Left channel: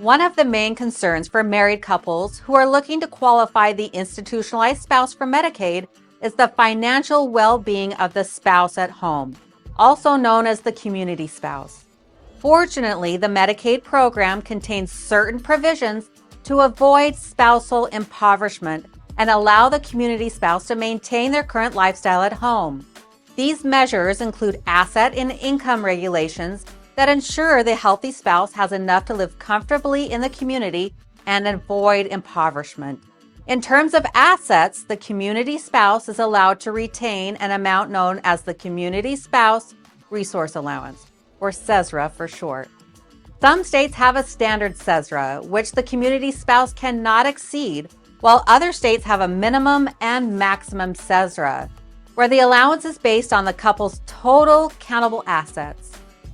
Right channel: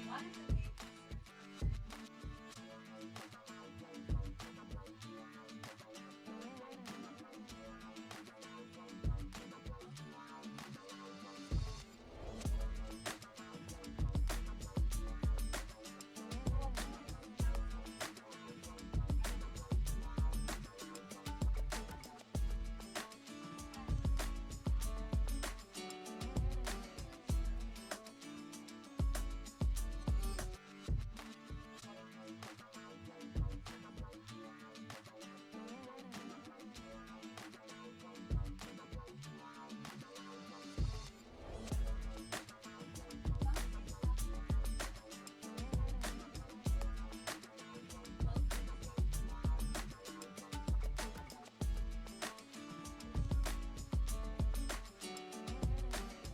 One of the main concerns for married couples who are looking to qualify the institutionalized spouse for Medicaid is the financial well-being of the spouse at home, also known as the community spouse. Fortunately, the Medicaid program contains certain provisions to avoid spousal impoverishment and allow the community spouse to maintain their current lifestyle at home. These measures include asset and income regulations that ensure the healthy spouse has enough to live comfortably in the community and avoid impoverishment. In terms of assets, the community spouse is allowed to retain an amount known as the Community Spouse Resource Allowance, or CESRA for short. Some states have a standard CESRA, which the community spouse cannot exceed, while other states have a minimum and maximum CESRA, where the allowance is based on the couple's total countable assets.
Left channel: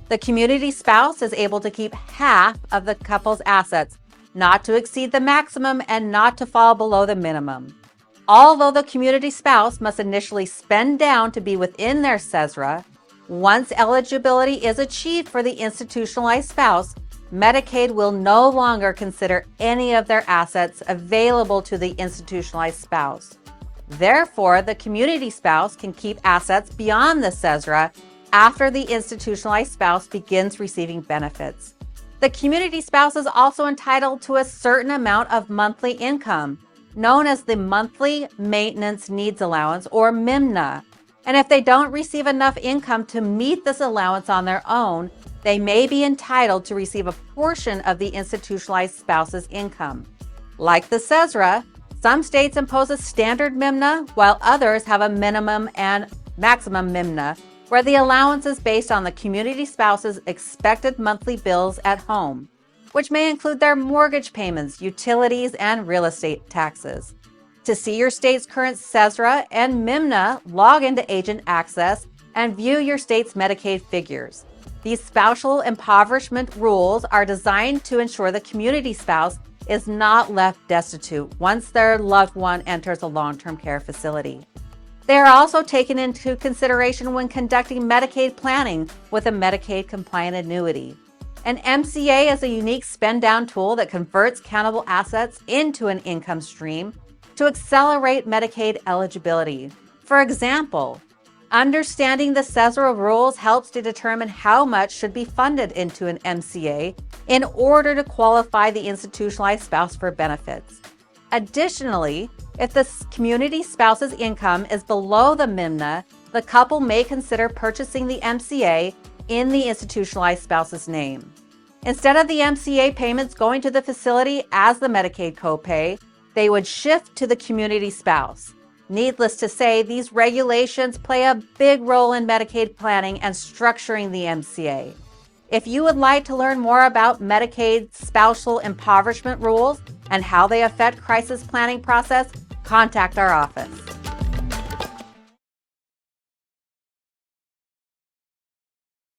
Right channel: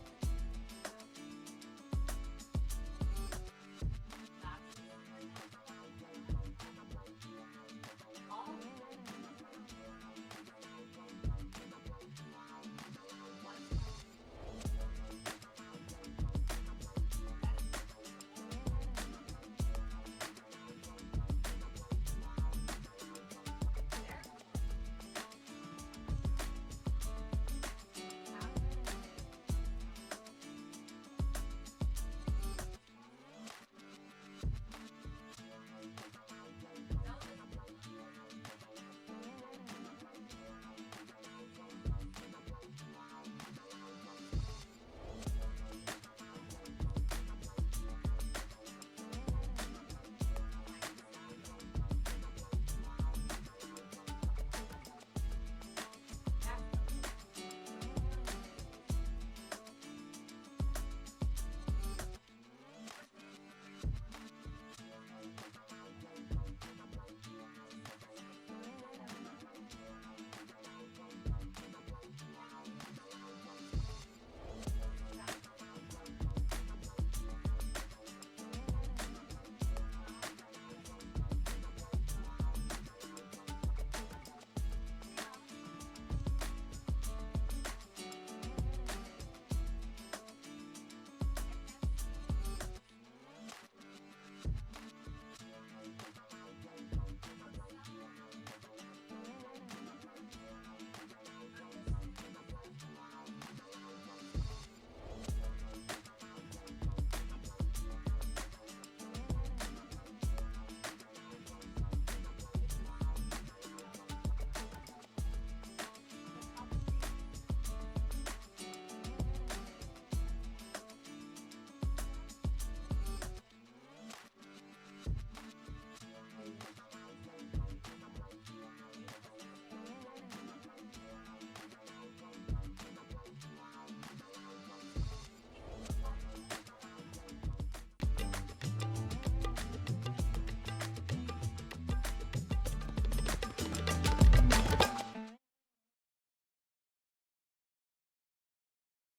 The community spouse is able to keep half of the couple's assets, not to exceed the maximum and not to fall below the minimum. Although the community spouse must initially spend down to be within their CESRA, once eligibility is achieved for the institutionalized spouse, Medicaid will no longer consider any of their assets available to the institutionalized spouse. Therefore, the community spouse can keep assets beyond the CESRA after the institutionalized spouse begins receiving benefits. The community spouse is also entitled to a certain amount of monthly income, known as the Monthly Maintenance Needs Allowance, or MIMNA. And if they don't receive enough income to meet this allowance on their own, they may be entitled to receive a portion of the institutionalized spouse's income. Like the CESRA, some states impose a standard MIMNA, while others have a minimum and maximum MIMNA, where the allowance is based on the community spouse's expected monthly bills at home, which may include their mortgage payments, utilities, and real estate taxes. To see your state's current CESRA and MIMNA, log into Agent Access and view your state's Medicaid figures. These spousal impoverishment rules are designed to ensure the community spouse is not left destitute once their loved one enters a long-term care facility. They are also taken into consideration when conducting Medicaid planning with a Medicaid-compliant annuity. An MCA is a unique spend-down tool that converts countable assets into an income stream to accelerate Medicaid eligibility. For example, understanding the CESRA rules helps to determine how much should be funded into an MCA in order to qualify the institutionalized spouse for benefits. Additionally, if the community spouse's income is below the MIMNA, the couple may consider purchasing the MCA in the institutionalized spouse's name. Instead of the MCA payments going to the facility as the Medicaid copay, they would shift to the community spouse. Needless to say, these regulations play a big role in Medicaid planning and structuring the MCA. If you would like to learn more about Medicaid spousal impoverishment rules and how they affect crisis planning process, contact our office.